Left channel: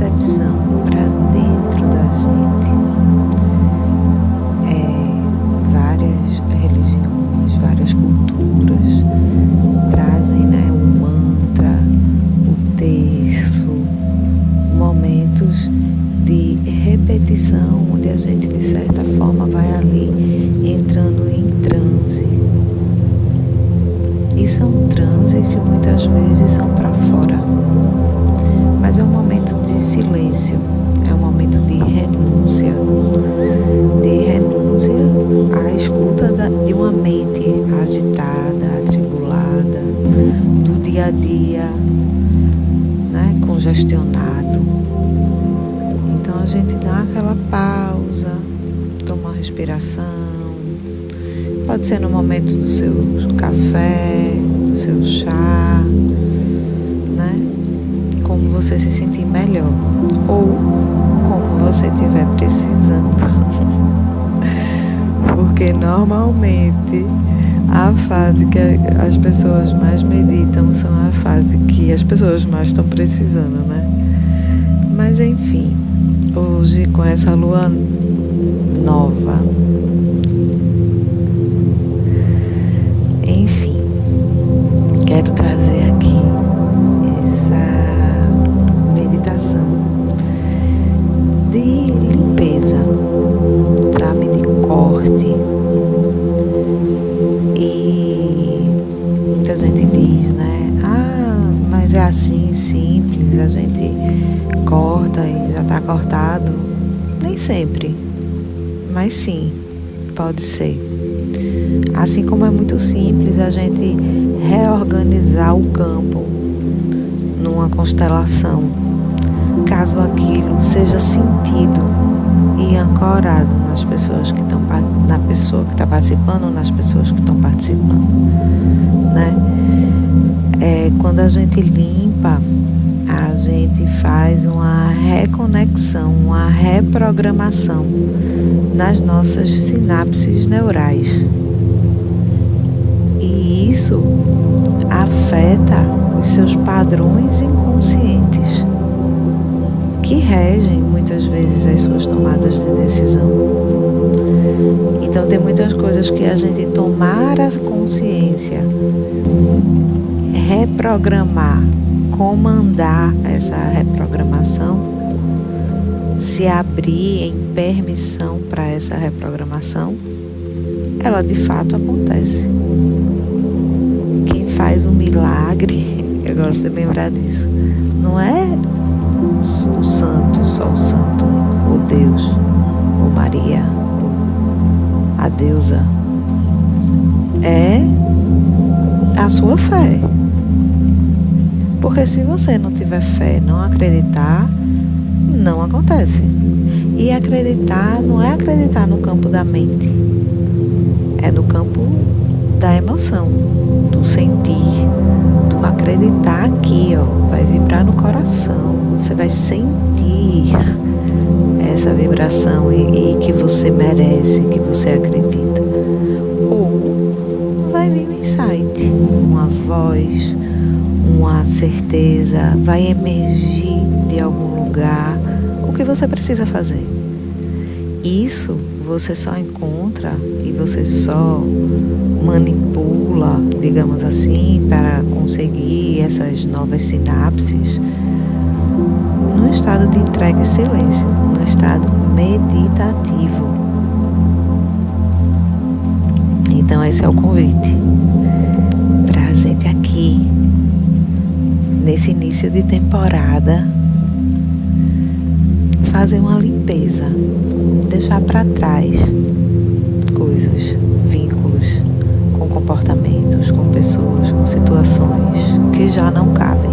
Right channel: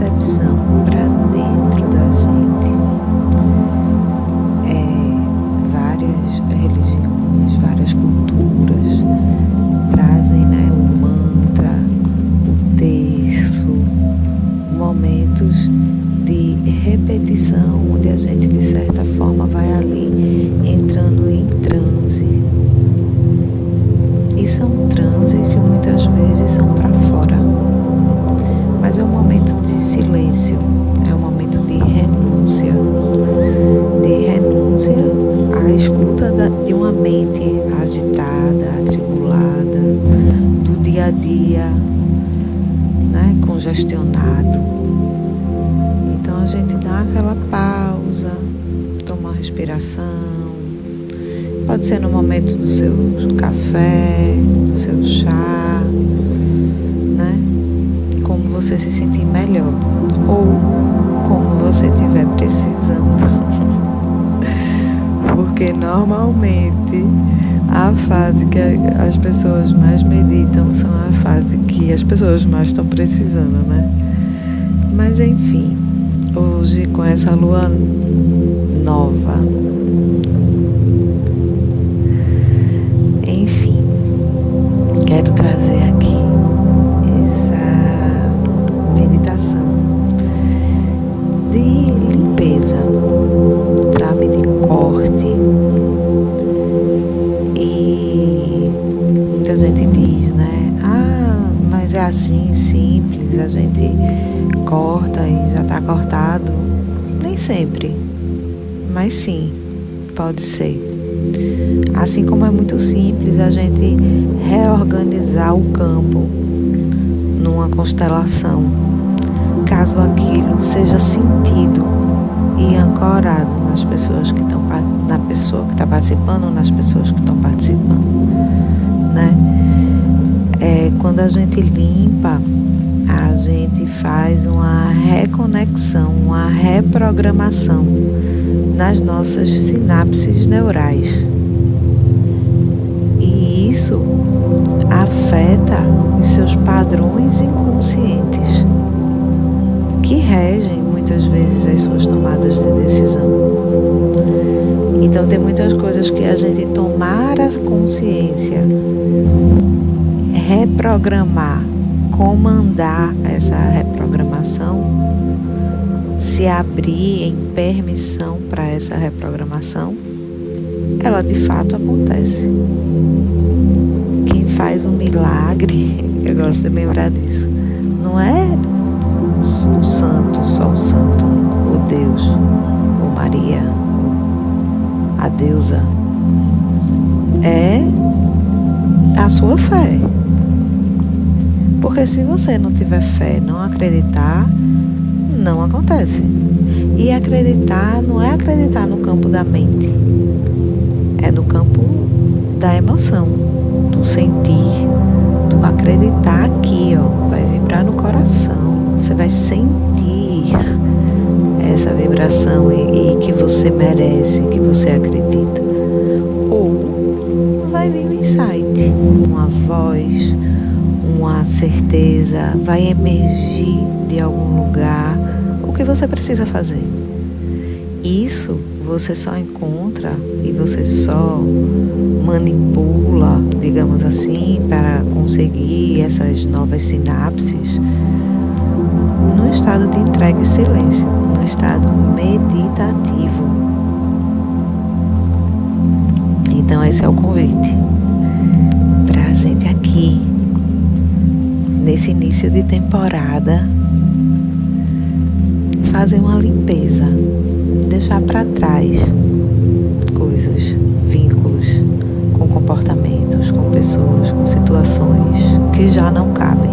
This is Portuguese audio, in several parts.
percepção para dentro da gente. Várias religiões, várias culturas trazem, né, o mantra, o terço, momentos de repetição, onde a gente de certa forma vai ali entrando em transe. E são transes que muitas vezes são para fora, mas é um momento de silêncio, é um momento de renúncia à escuta de uma mente agitada, atribulada, do dia a dia, né, congestionado. Então a gente dá aquela pausa, toma uma respiração, pode ser no momento do seu café, do seu chá, né, como você se sentir melhor, ou como você estiver precisando. Porque normalmente a fase que as pessoas mais meditam são a fase que as pessoas mais estão precisando, né? Mas enfim, hoje com essa lua nova, enfim, quero trazer aqui essa meditação de limpeza, sabe, de corte. E muita gente diz, né, mas é assim, simples, a gente corta e já está cortado. Nem sempre, mas sim, pode ser. Assim como é muito simples a gente reorganizar o campo numa constelação, caso aquilo seja sentido e ancorado nas pessoas que estão, na pessoa que está participando, nas pessoas que estão participando, né? Quando a gente limpa, a gente faz uma reconexão, uma reprogramação nas nossas sinapses neurais. E isso afeta os seus padrões inconscientes, que regem muitas vezes as suas tomadas de decisão. Então tem muitas coisas que a gente tomar a consciência, reprogramar, comandar essa reprogramação, se abrir em permissão para essa reprogramação, ela de fato acontece. Quem faz um milagre, eu gosto de lembrar disso, não é o santo, só o santo, ou Deus, ou Maria, ou a deusa, é a sua fé. Porque se você não tiver fé, não acreditar, não acontece. E acreditar não é acreditar no campo da mente, é no campo da emoção, do sentir, do acreditar aqui, ó, vai vibrar no coração, você vai sentir essa vibração e que você merece, que você acredita. Ou vai vir um insight, uma voz, uma certeza, vai emergir de algum lugar o que você precisa fazer. Isso você só encontra e você só manipula, digamos assim, para conseguir essas novas sinapses no estado de entrega e silêncio, no estado meditativo. Então esse é o convite para a gente aqui, nesse início de temporada, fazer uma limpeza, deixar para trás coisas, vínculos com comportamentos, com pessoas, com situações que já não cabem.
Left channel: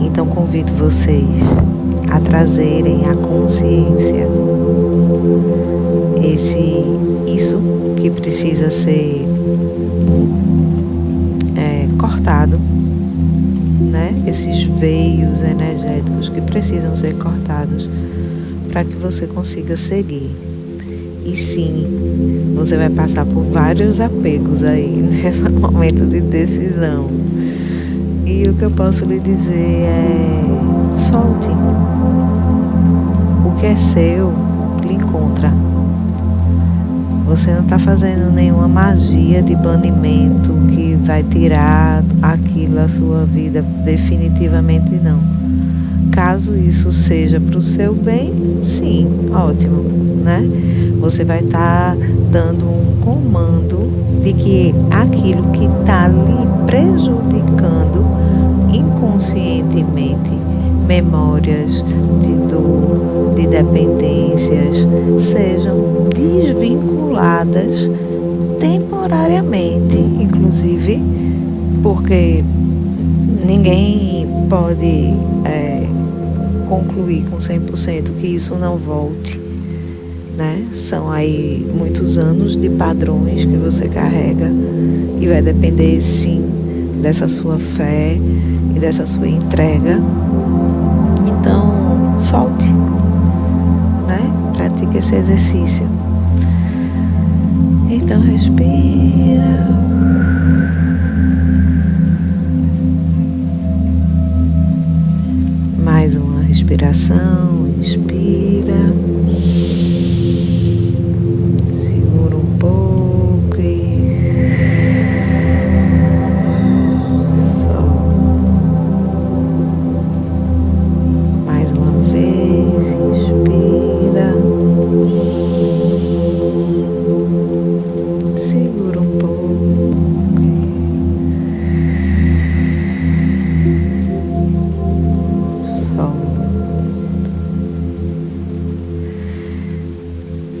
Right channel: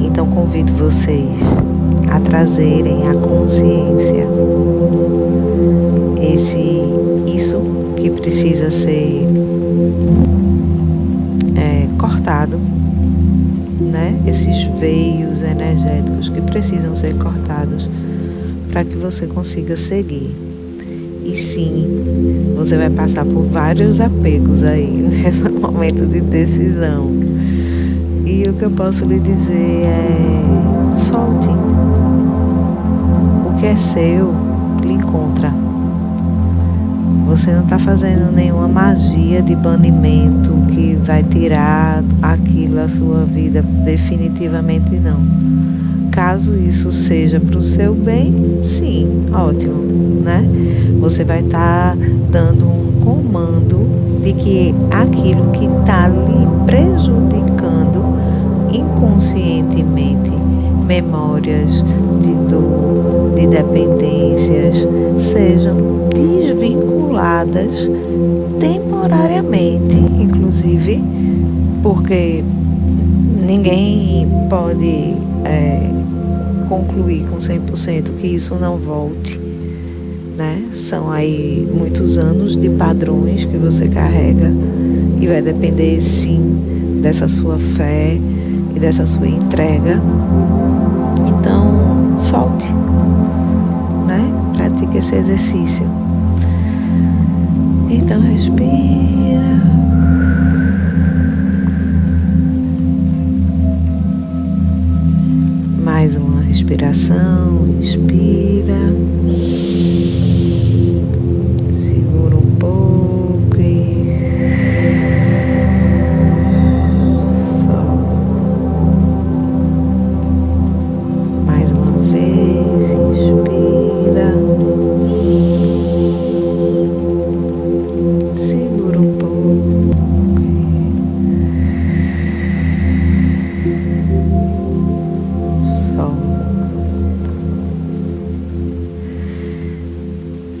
Então convido vocês a trazerem à consciência isso que precisa ser cortado, né? Esses veios energéticos que precisam ser cortados para que você consiga seguir. E sim, você vai passar por vários apegos aí nesse momento de decisão. E o que eu posso lhe dizer é: solte. O que é seu, lhe encontra. Você não está fazendo nenhuma magia de banimento que vai tirar aquilo da sua vida definitivamente, não. Caso isso seja para o seu bem, sim, ótimo, né? Você vai estar dando um comando de que aquilo que está lhe prejudicando inconscientemente, memórias de dor, de dependências, sejam desvinculadas temporariamente, inclusive, porque ninguém pode concluir com 100% que isso não volte, né? São aí muitos anos de padrões que você carrega e vai depender, sim, dessa sua fé e dessa sua entrega. Então, solte, né? Pratique esse exercício. Então, respira. Mais uma respiração, inspira. Segura um pouco e solta. Mais uma vez, inspira. Segura um pouco.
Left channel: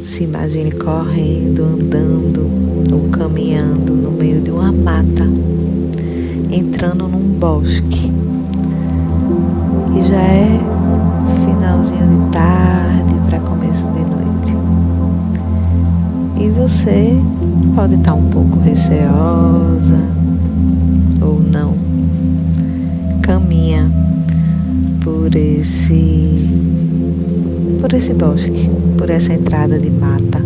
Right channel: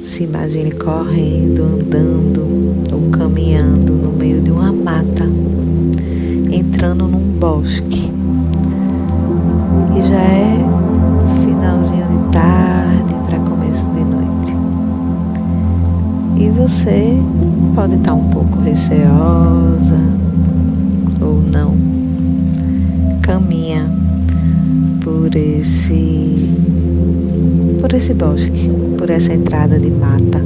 Se imagine correndo, andando ou caminhando no meio de uma mata, entrando num bosque. E já é finalzinho de tarde para começo de noite. E você pode estar um pouco receosa ou não. Caminha por esse bosque, por essa entrada de mata,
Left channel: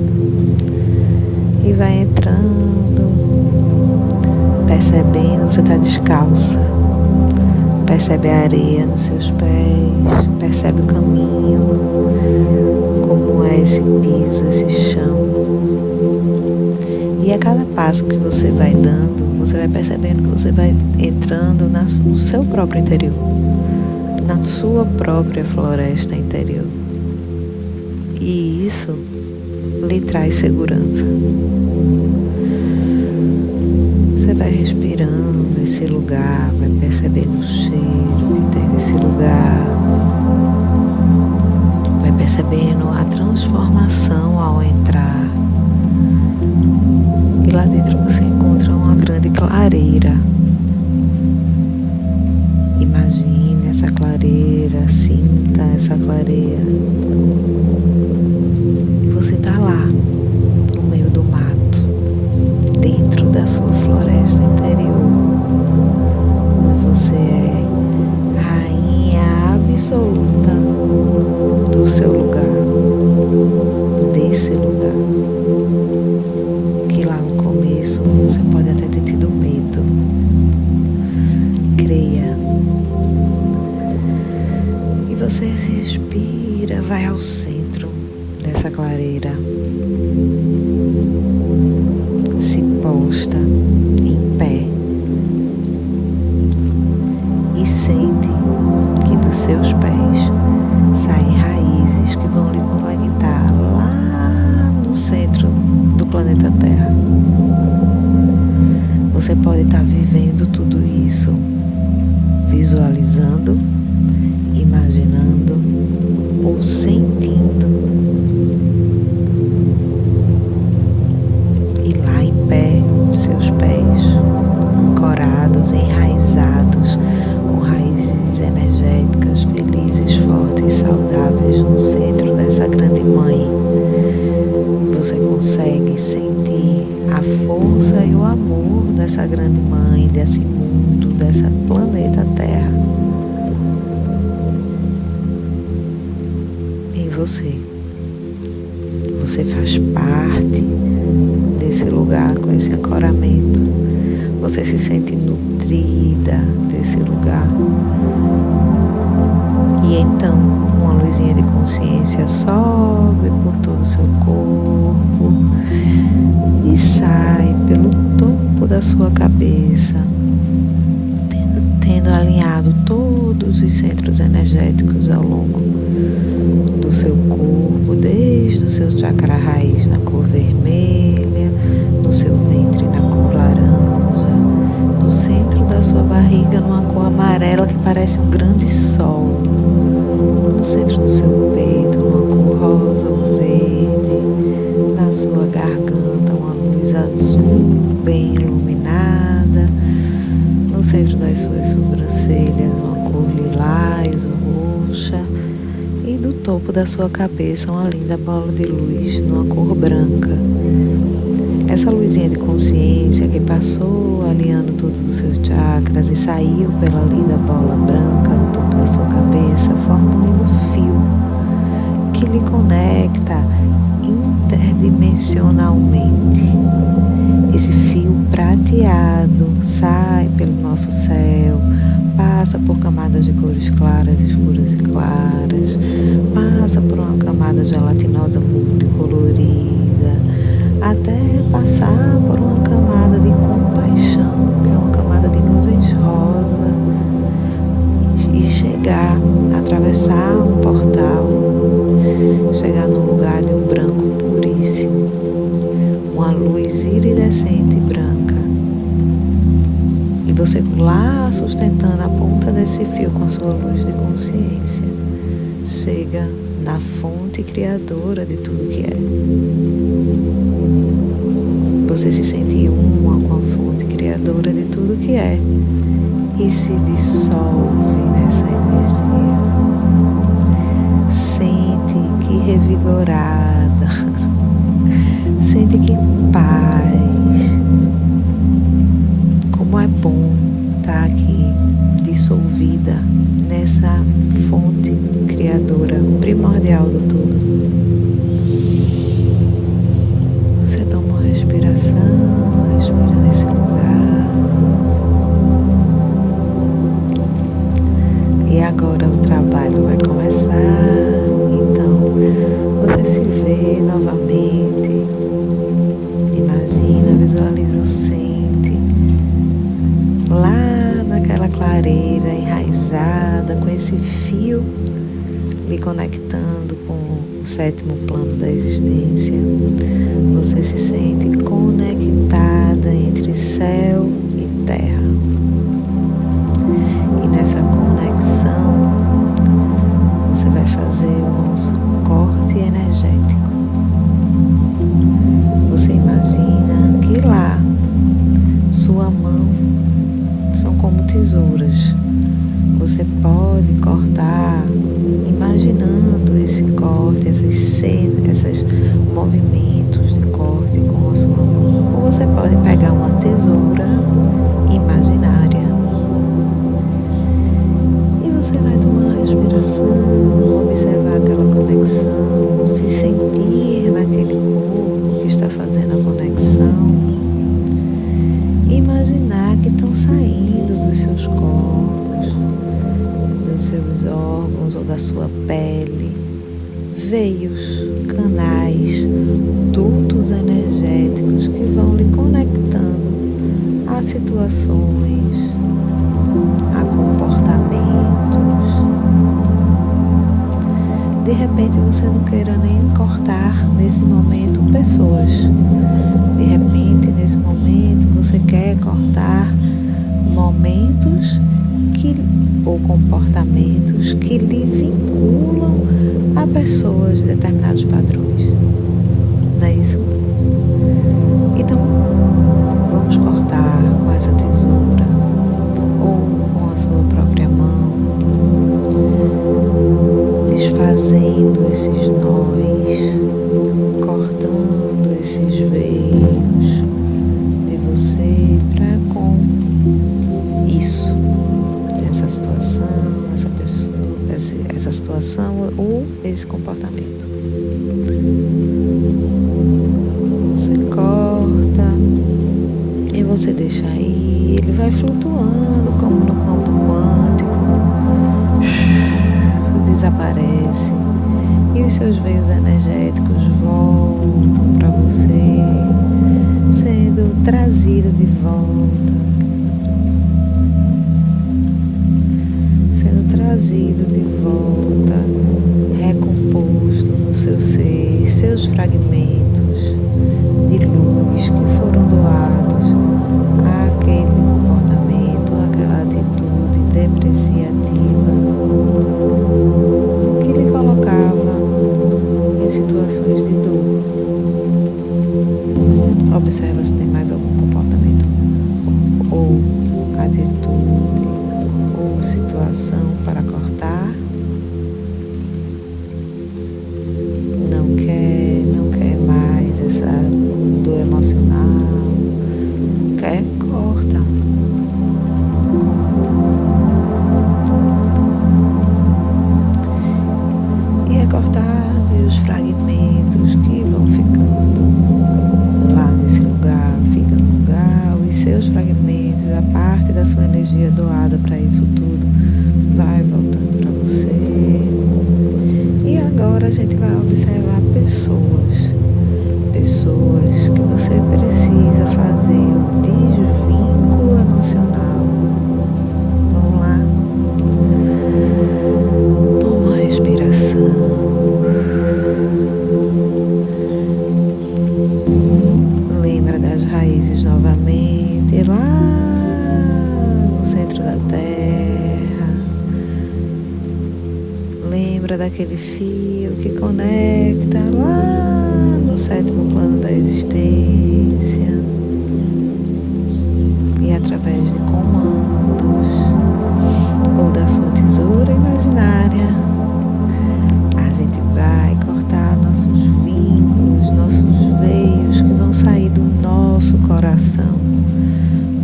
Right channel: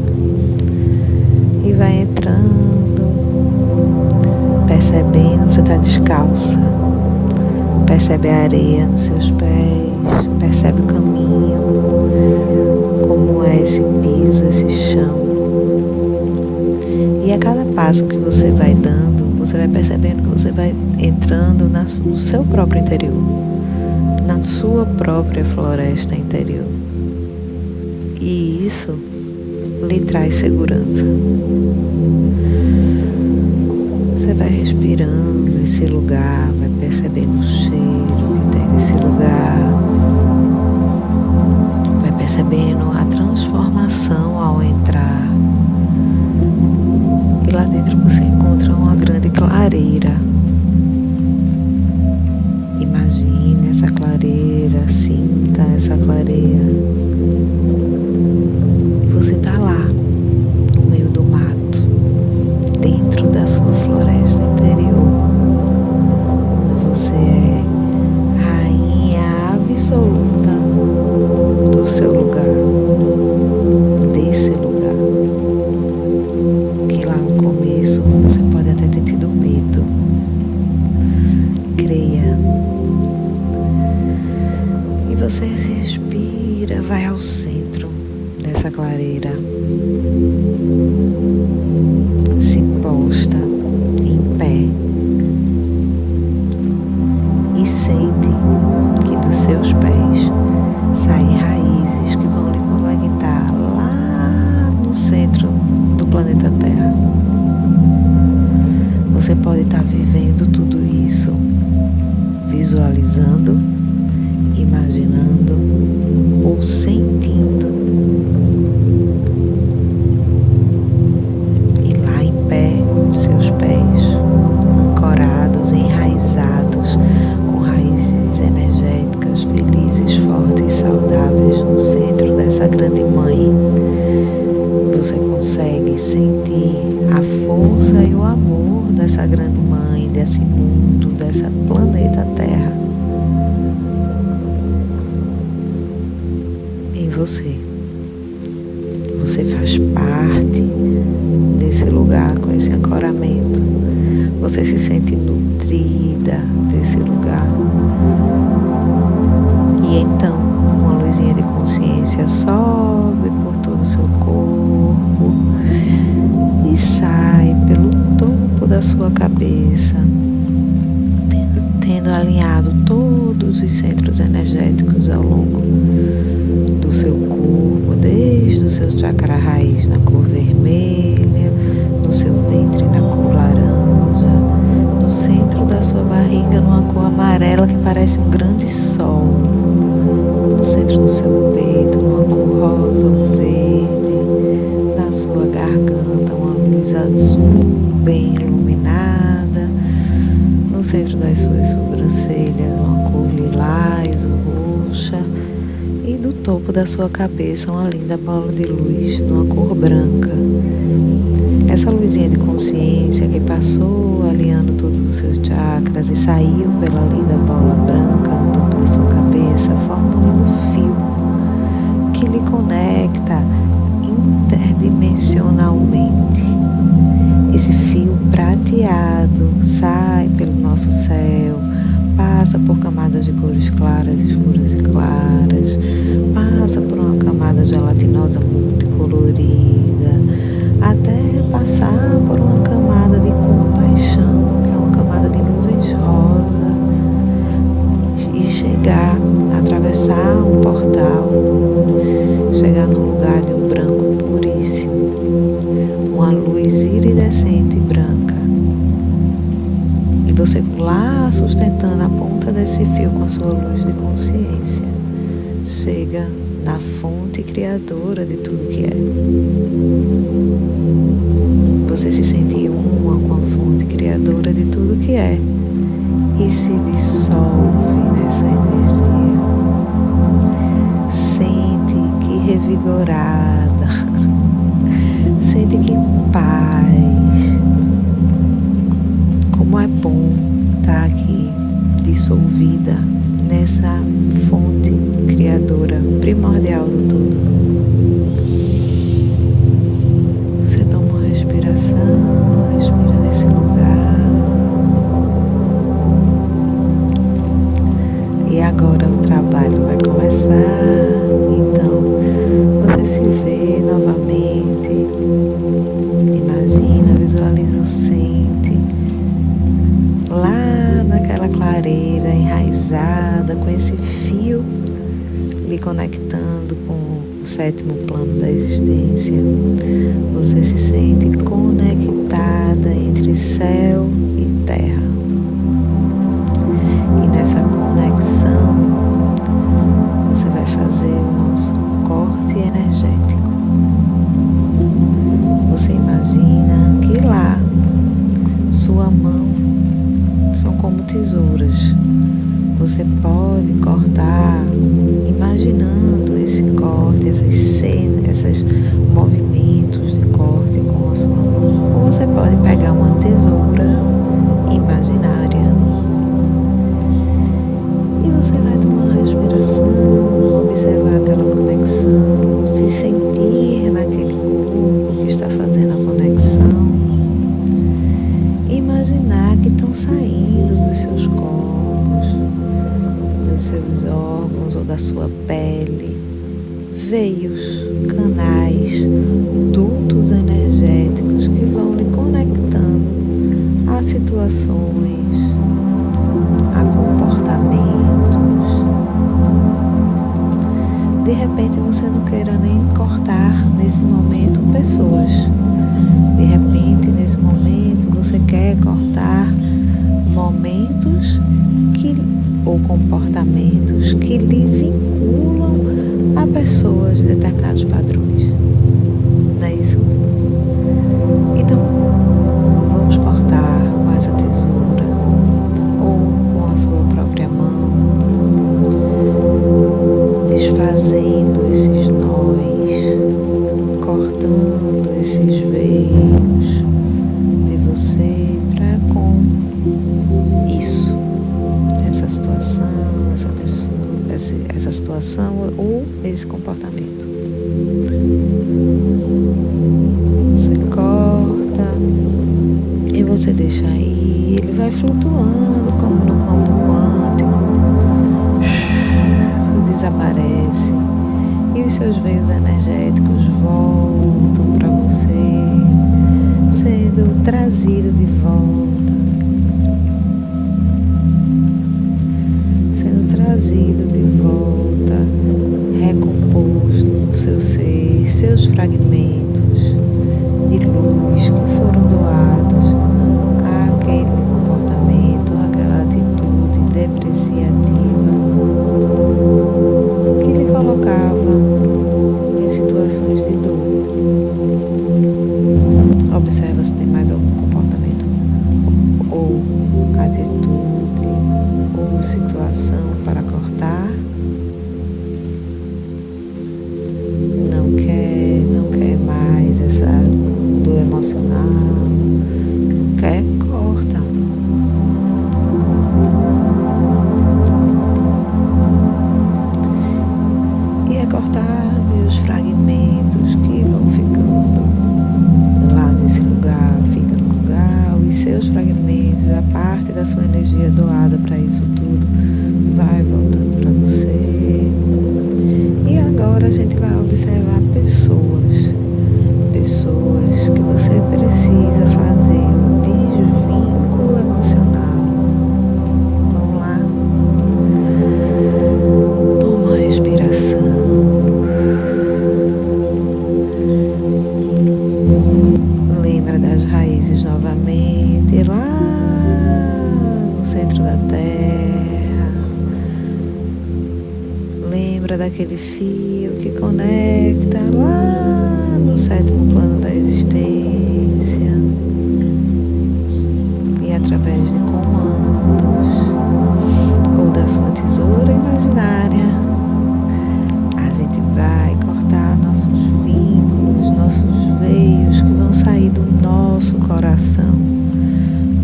e vai entrando, percebendo, você está descalça, percebe a areia nos seus pés, percebe o caminho, como é esse piso, esse chão. E a cada passo que você vai dando, você vai percebendo que você vai entrando no seu próprio interior, na sua própria floresta interior. E isso lhe traz segurança. Você vai respirando esse lugar, vai percebendo o cheiro que tem nesse lugar, vai percebendo a transformação ao entrar. E lá dentro você encontra uma grande clareira. Imagine essa clareira, sinta essa clareira. Você está lá, no meio do mato, dentro da sua floresta interior, onde você é rainha absoluta do seu lugar, desse lugar, que lá no começo você pode até ter tido medo. Creia. E você respira, vai ao centro dessa clareira, se posta em pé e sente que dos seus pés saem raízes que vão lhe conectar lá no centro do planeta Terra. Você pode estar vivendo tudo isso, visualizando, imaginando ou sentindo. Seus pés ancorados, enraizados, com raízes energéticas, felizes, fortes, saudáveis no centro dessa grande mãe. Você consegue sentir a força e o amor dessa grande mãe, desse mundo, dessa planeta Terra em você. Você faz parte desse lugar, com esse ancoramento, Você se sente nutrida desse lugar. E então, uma luzinha de consciência sobe por todo o seu corpo e sai pelo topo da sua cabeça, tendo alinhado todos os centros energéticos ao longo do seu corpo, desde o seu chakra raiz na cor vermelha, no seu ventre na cor laranja, no centro da sua barriga numa cor amarela que parece um grande sol, no centro do seu peito numa cor rosa ou verde, na sua garganta uma luz azul bem iluminada, no centro das suas sobrancelhas uma cor lilás ou roxa, e do topo da sua cabeça uma linda bola de luz numa cor branca. Essa luzinha de consciência que passou alinhando todos os seus chakras e saiu pela linda bola branca no topo da sua cabeça forma um lindo fio que lhe conecta interdimensionalmente. Esse fio prateado sai pelo nosso céu, passa por camadas de cores claras, escuras e claras, passa por uma camada gelatinosa multicolorida, até passar por uma camada de compaixão, que é uma camada de nuvens rosa, e chegar, atravessar um portal, chegar num lugar de um branco puríssimo, uma luz iridescente branca. E você lá sustentando a ponta desse fio com a sua luz de consciência, chega na fonte criadora de tudo que é. Você se sente uma com a fonte criadora de tudo que é e se dissolve nessa energia. Sente que revigorada, sente que paz. Como é bom estar aqui dissolvida nessa fonte criadora primordial do todo. Você toma uma respiração, respira nesse lugar. E agora o trabalho vai começar. Então você se vê novamente. Imagina, visualiza o sente lá naquela clareira enraizada, com esse fio lhe conectando com o sétimo plano da existência. Você se sente conectada entre céu e terra. E nessa conexão, você vai fazer o nosso corte energético. Você imagina que lá, sua mão são como tesouras. Você pode cortar, imaginando esse corte, essas cenas, esses movimentos de corte com a sua mão. Ou você pode pegar uma tesoura imaginária e você vai tomar uma respiração, observar aquela conexão, se sentir naquele corpo que está fazendo a conexão. Imaginar que estão saindo dos seus corpos, dos seus órgãos ou da sua pele, veios, canais, dutos energéticos que vão lhe conectando a situações, a comportamentos. De repente você não queira nem cortar nesse momento pessoas. De repente, nesse momento, você quer cortar momentos ou comportamentos que lhe vinculam a pessoas de determinados padrões. Não é isso? Então, vamos cortar com essa tesoura ou com a sua própria mão, desfazendo esses nós, cortando esses veios de você para com isso, essa situação, essa pessoa, essa situação ou esse comportamento. Você corta e você deixa aí, ele vai flutuando como no campo quântico, desaparece e os seus veios energéticos voltam para você, sendo trazido de volta, recomposto no seu ser, seus fragmentos de luz que foram doados àquele comportamento, àquela atitude depreciativa que lhe colocava em situações de dor. Observa se tem mais algum comportamento ou atitude ou situação para cortar. Não quer mais essa dor emocional. Não quer? Corta. E é cortado e os fragmentos que vão ficando lá nesse lugar, fica no lugar, os seus fragmentos, a parte da sua energia doada para isso tudo, vai voltando para você. E agora a gente vai observar pessoas que você precisa fazer um desvínculo emocional. Vamos lá? Toma uma respiração. Lembra das raízes novamente, lá no centro da terra. Lembra daquele fio que conecta lá no sétimo plano da existência. E através de comandos ou da sua tesoura imaginária, a gente vai cortar nossos vínculos, nossos veios que vão sair do nosso coração,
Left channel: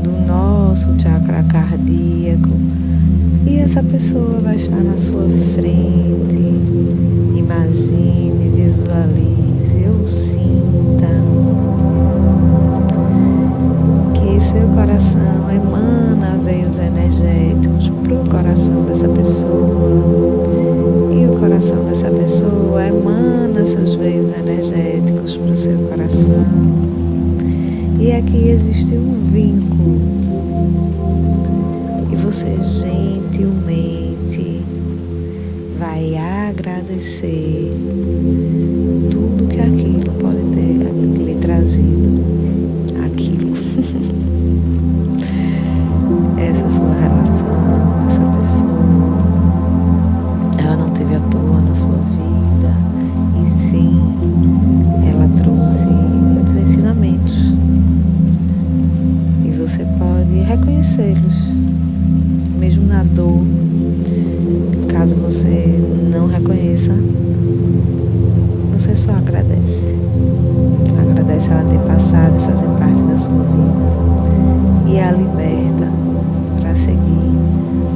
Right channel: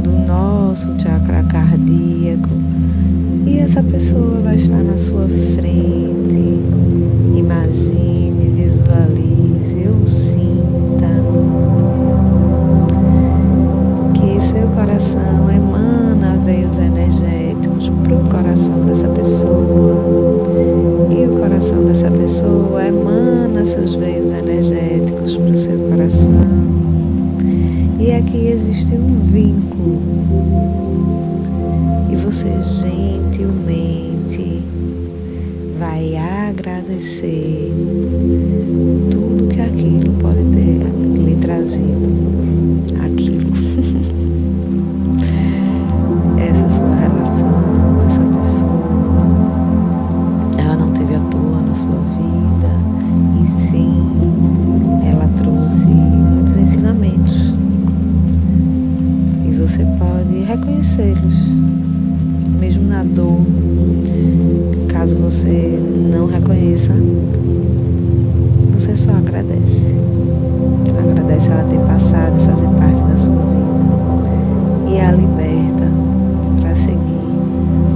do nosso chakra cardíaco. E essa pessoa vai estar na sua frente. Imagine, visualize ou sinta que seu coração emana veios energéticos para o coração dessa pessoa. E o coração dessa pessoa emana seus veios energéticos para o seu coração. E aqui existe um vínculo. E você gentilmente vai agradecer tudo que aquilo pode ter lhe trazido. Aquilo. Essa sua relação, essa pessoa, ela não teve à toa na sua vida, e sim, ela trouxe muitos ensinamentos. E você pode reconhecê-los, mesmo na dor. Caso você não reconheça, você só agradece. Agradece ela ter passado e fazer parte da sua vida. E a liberta para seguir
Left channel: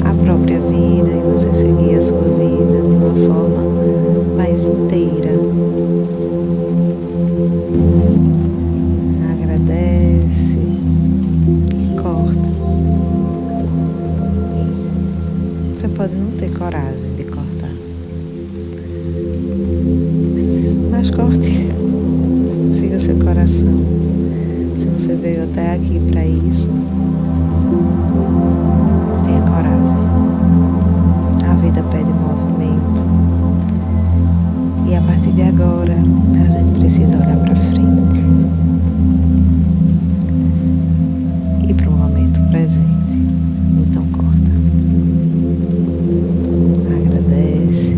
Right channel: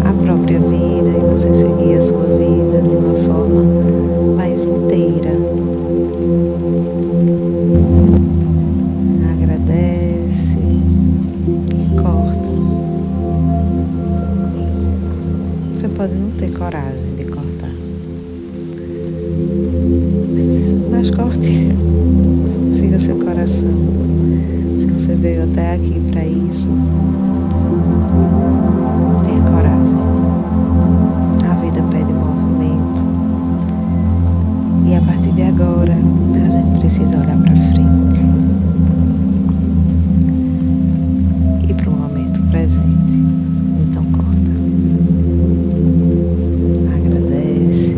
a própria vida e você seguir a sua vida de uma forma mais inteira. Agradece e corta. Você pode não ter coragem de cortar, mas corte. Siga seu coração. Se você veio até aqui para isso, tenha coragem. A vida pede movimento. E a partir de agora, a gente precisa olhar para frente e para o momento presente. Então corta. Agradece.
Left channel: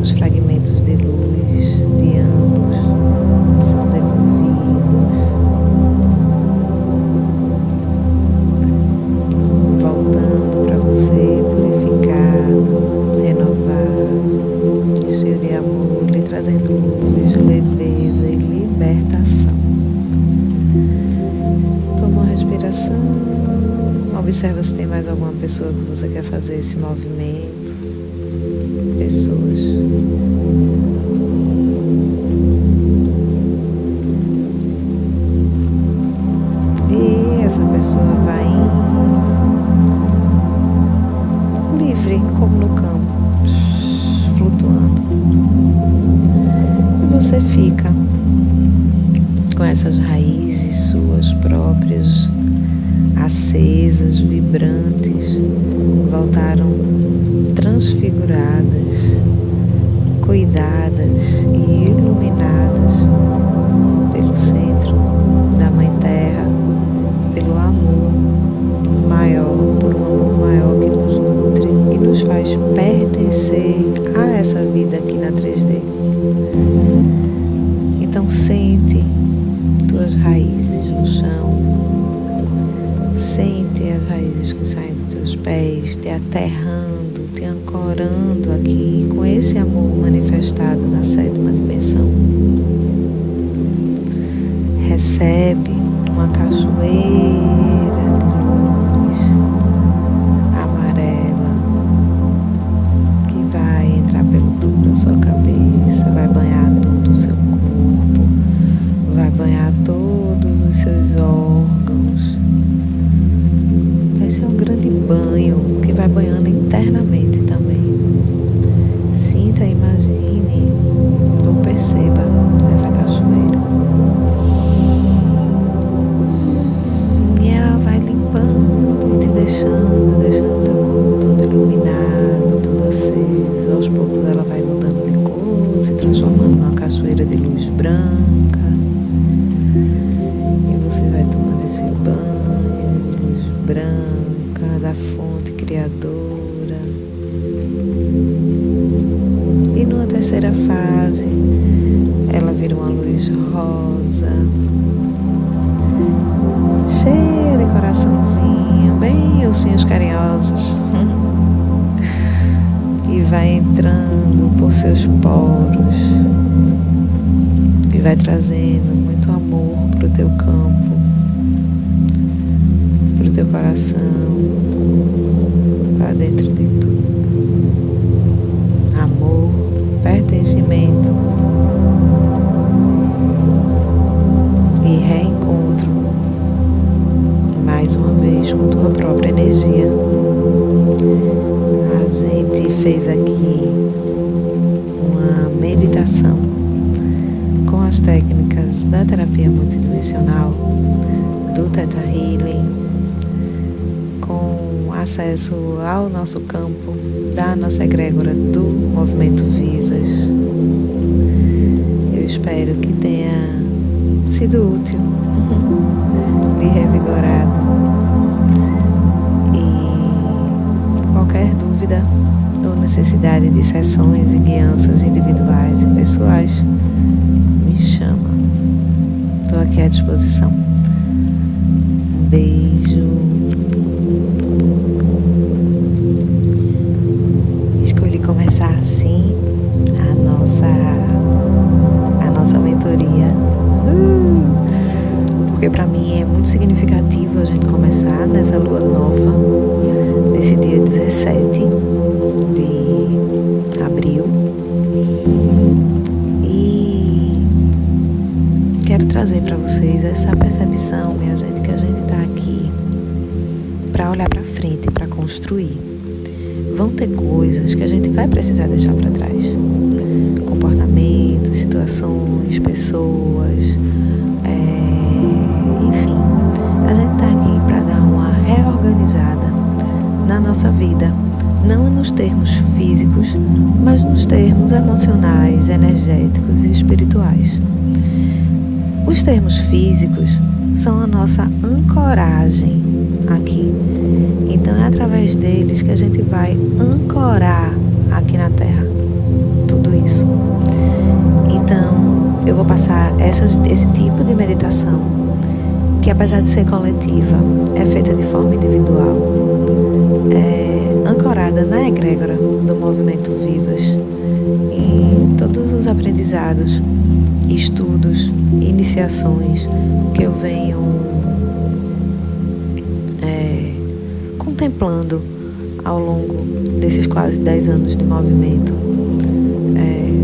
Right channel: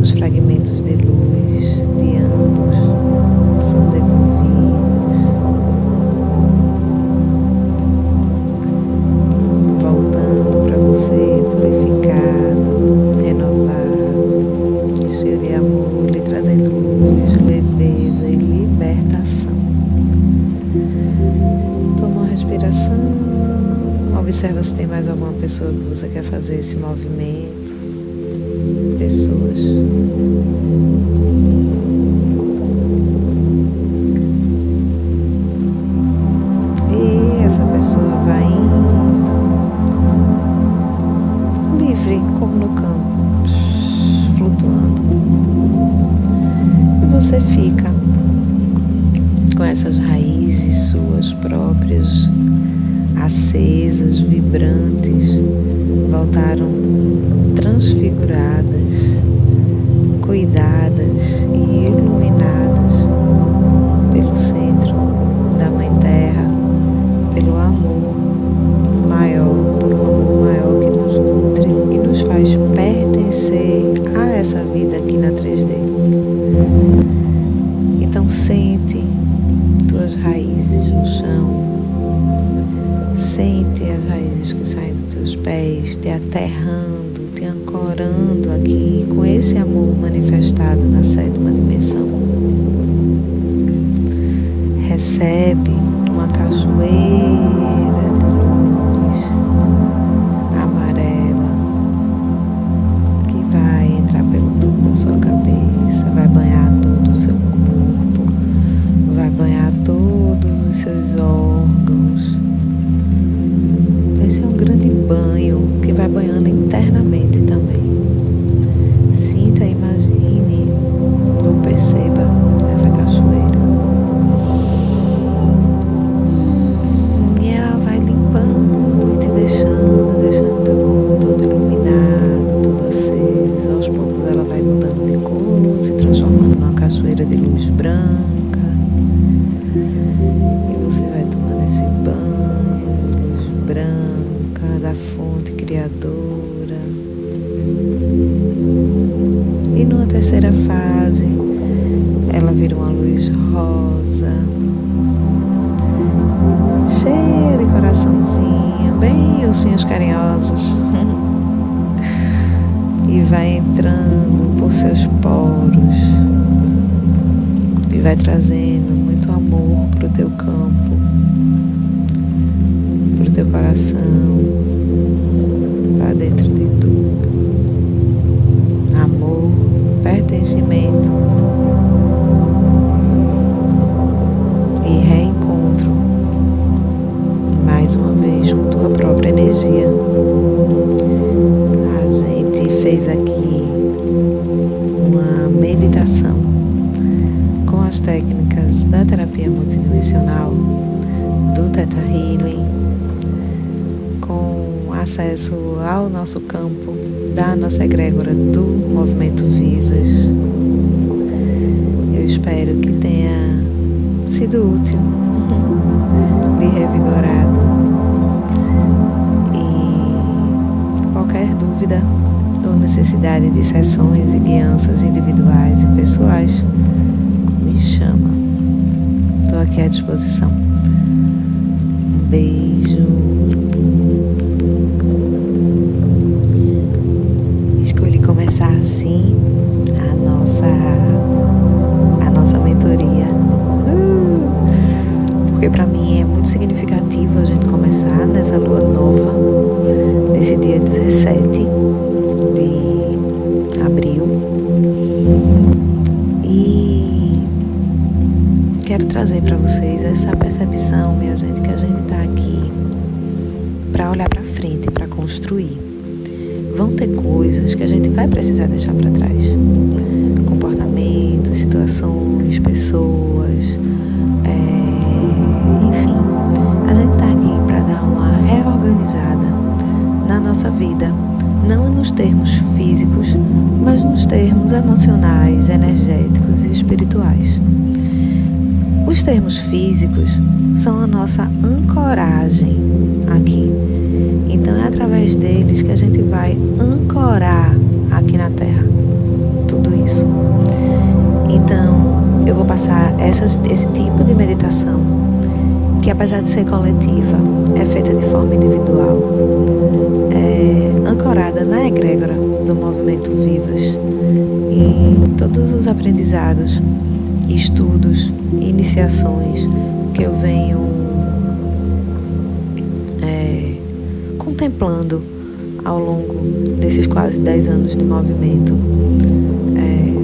Os fragmentos de luz de ambos são devolvidos, voltando para você purificado, renovado, cheio de amor, lhe trazendo luz, leveza e libertação. Toma uma respiração. Observa se tem mais alguma pessoa que você quer fazer esse movimento. Pessoas. água vai indo, livre como no campo, flutuando. E você fica com essas raízes suas próprias, acesas, vibrantes, voltaram transfiguradas, cuidadas e iluminadas pelo centro da Mãe Terra, pelo amor maior, por um amor maior que nos nutre e nos faz pertencer a essa vida aqui na 3D. Então sente tuas raízes no chão, sente as raízes que saem dos teus pés, te aterrando, te ancorando aqui com esse amor manifestado na 7ª dimensão. Recebe uma cachoeira de luz amarela que vai entrar pelo tubo da sua cabeça, vai banhar todo o seu corpo, vai banhar todos os seus órgãos. Vai ser um grande banho que vai banhando internamente também. Sinta, imagine ou perceba essa cachoeira. E ela vai limpando e te deixando teu corpo todo iluminado, todo aceso. Aos poucos ela vai mudando de cor, se transformando numa cachoeira de luz branca. E você vai tomando esse banho de luz branca da fonte criadora. E numa terceira fase, ela vira uma luz rosa, cheia de coraçãozinho, bem ursinhos carinhosos. E vai entrando por seus poros e vai trazendo muito amor pro teu campo, pro teu coração, para dentro de tu. Amor, pertencimento e reencontro mais uma vez com tua própria energia. A gente fez aqui uma meditação com as técnicas da terapia multidimensional, do Theta Healing, com acesso ao nosso campo, da nossa egrégora do Movimento Vivas. Eu espero que tenha sido útil, lhe revigorado. E qualquer dúvida ou necessidade de sessões e guianças individuais e pessoais, me chama. Estou aqui à disposição. Um beijo. Escolhi começar assim a nossa mentoria, porque para mim é muito significativo a gente começar nessa lua nova, desse dia 17 de abril. E quero trazer para vocês essa percepção, minha gente, que a gente está aqui para olhar para frente, para construir. Vão ter coisas que a gente vai precisar deixar para trás. Comportamentos, situações, pessoas, enfim. A gente está aqui para dar uma reorganizada na nossa vida. Não nos termos físicos, mas nos termos emocionais, energéticos e espirituais. Os termos físicos são a nossa ancoragem aqui. Então é através deles que a gente vai ancorar aqui na Terra tudo isso. Então eu vou passar esse tipo de meditação, que apesar de ser coletiva, é feita de forma individual, ancorada na egrégora do Movimento Vivas, em todos os aprendizados, estudos, iniciações que eu venho contemplando ao longo desses quase 10 anos de movimento,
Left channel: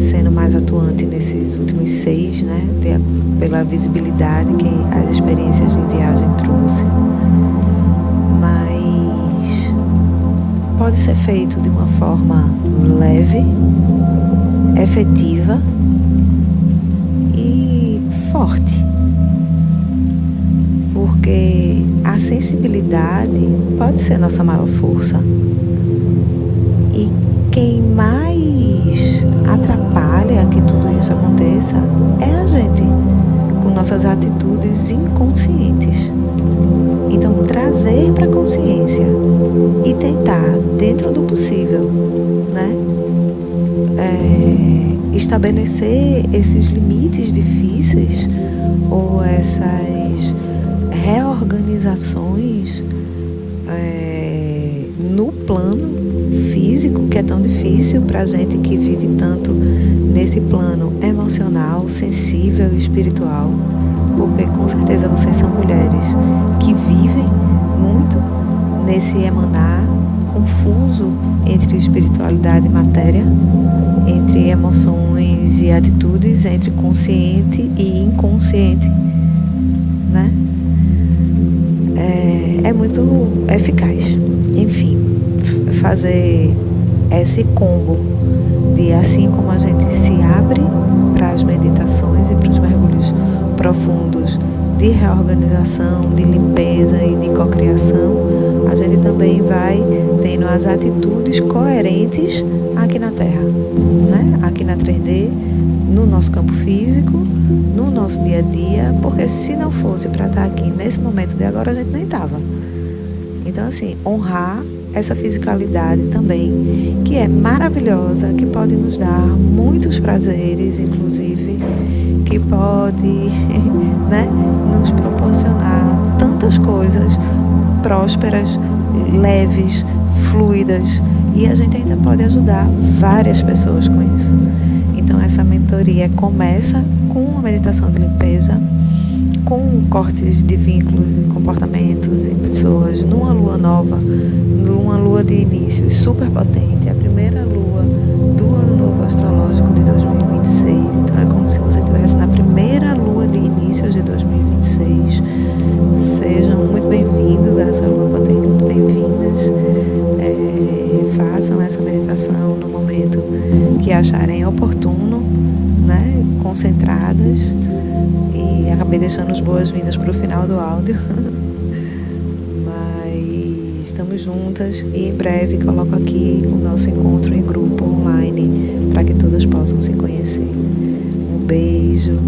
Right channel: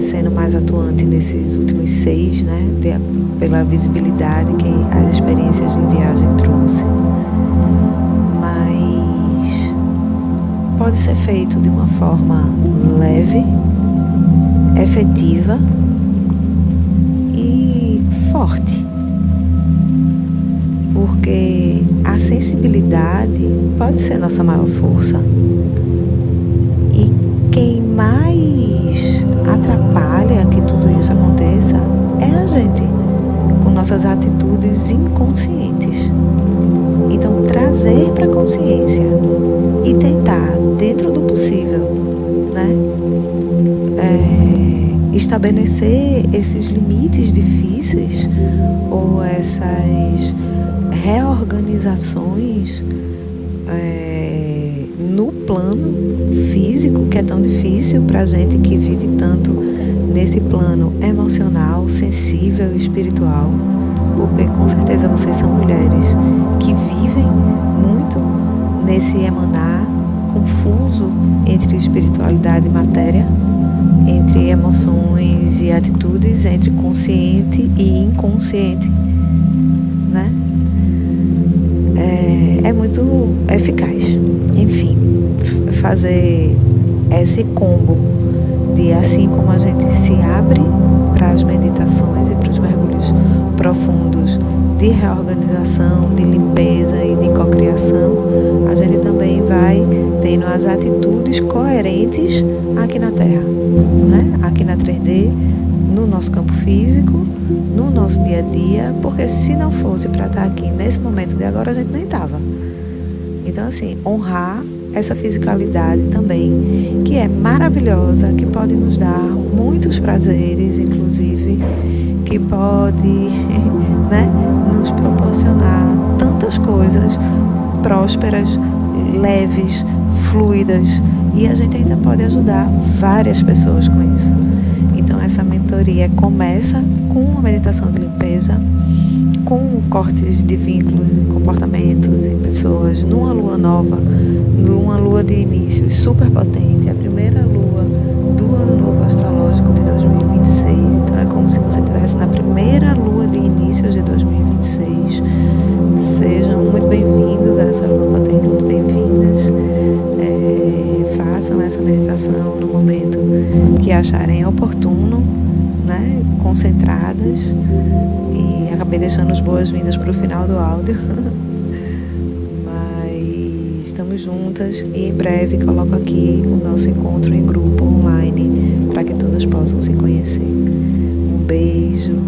sendo mais atuante nesses últimos 6, pela visibilidade que as experiências em viagem trouxe. pode ser feito de uma forma leve, efetiva e forte. Porque a sensibilidade pode ser nossa maior força. E quem mais atrapalha que tudo isso aconteça é a gente, com nossas atitudes inconscientes. Então, trazer para a consciência e tentar, dentro do possível, né, estabelecer esses limites difíceis ou essas reorganizações no plano físico, que é tão difícil para a gente que vive tanto nesse plano emocional, sensível e espiritual, porque com certeza vocês são mulheres que vivem muito nesse emanar confuso entre espiritualidade e matéria, entre emoções e atitudes, entre consciente e inconsciente, né? É muito eficaz. Enfim, fazer esse combo de, assim como a gente se abre para as meditações e para os mergulhos profundos de reorganização, de limpeza e de cocriação, a gente também vai tendo as atitudes coerentes aqui na Terra, né? Aqui na 3D, no nosso campo físico, no nosso dia a dia, porque se não fosse para estar aqui nesse momento de agora, a gente nem estava. Então, assim, honrar essa fisicalidade também, que é maravilhosa, que pode nos dar muitos prazeres, inclusive, que pode né, nos proporcionar tantas coisas prósperas, leves, fluidas, e a gente ainda pode ajudar várias pessoas com isso. Então, essa mentoria começa com uma meditação de limpeza, com cortes de vínculos e comportamentos em pessoas, numa lua nova, numa lua de início super potente, a primeira lua do ano novo astrológico de 2026. Então é como se você estivesse na primeira lua de início de 2026. Sejam muito bem-vindos a essa lua potente, muito bem-vindas. Façam essa meditação no momento que acharem oportuno, né? Concentradas. E acabei deixando as boas-vindas para o final do áudio. Mas estamos juntas e em breve coloco aqui o nosso encontro em grupo online para que todas possam se conhecer. Um beijo.